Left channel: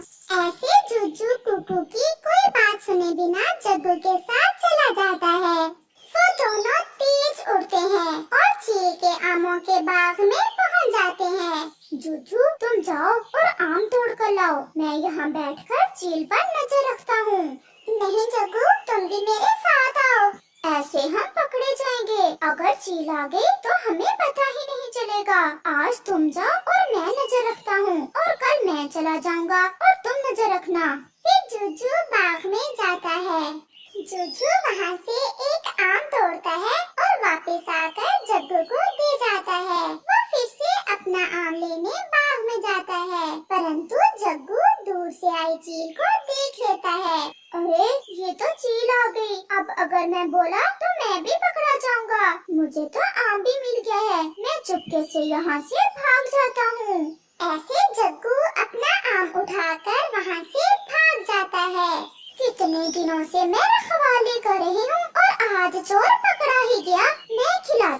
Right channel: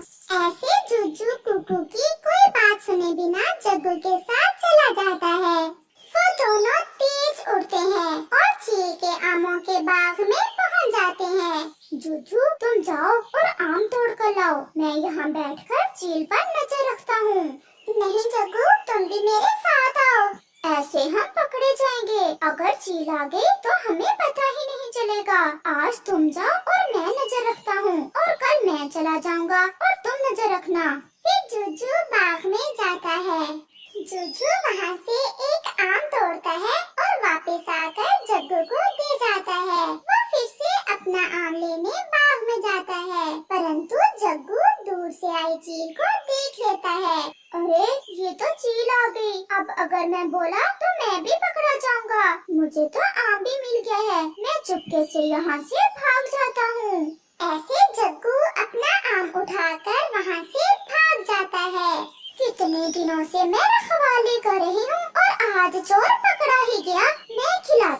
ऐसे जुज्जू कुकू की कोई बात सुने बिना जग्गू के साथ चला जाता है। वो दोनों तेज उड़ते हैं और चील के आमों के बाग में पहुंच जाते हैं। जुज्जू तुम जाओ और आम तोड़ कर लाओ, मैं यहाँ बैठकर चील पर नजर रखता हूँ। नहीं जग्गू, तुम भी मेरे साथ आओ, ऐसे हम पकड़े जाएंगे। अगर चील आ गई तो हमें पता ही नहीं चलेगा। आज तुम जाओ और मैं नजर रखता हूँ, और कल मैं चला जाऊंगा और तुम नजर रखना। फिर जुज्जू बाग में जाता है। जुज्जू वहाँ से एक आम तोड़ता है और वापस आकर जग्गू को दे जाता है। वो फिर से अपना आम लेने बाग में जाता है, परंतु जग्गू दूर से आई चील को देख लेता है। अरे ये तो चील आ गई, अब अगर मैं बोला तो मैं भी पकड़ा जाऊंगा। मुझे तो आम भी मिल गया है, मैं चुपके से यहाँ से भाग जाता हूँ। ऐसे जग्गू अपना आम उठाकर वहाँ से भाग जाता है। कितने दिनों से मैं रखवाली कर रही हूँ और आज चोर पकड़ा ही गया। मैं खिलाता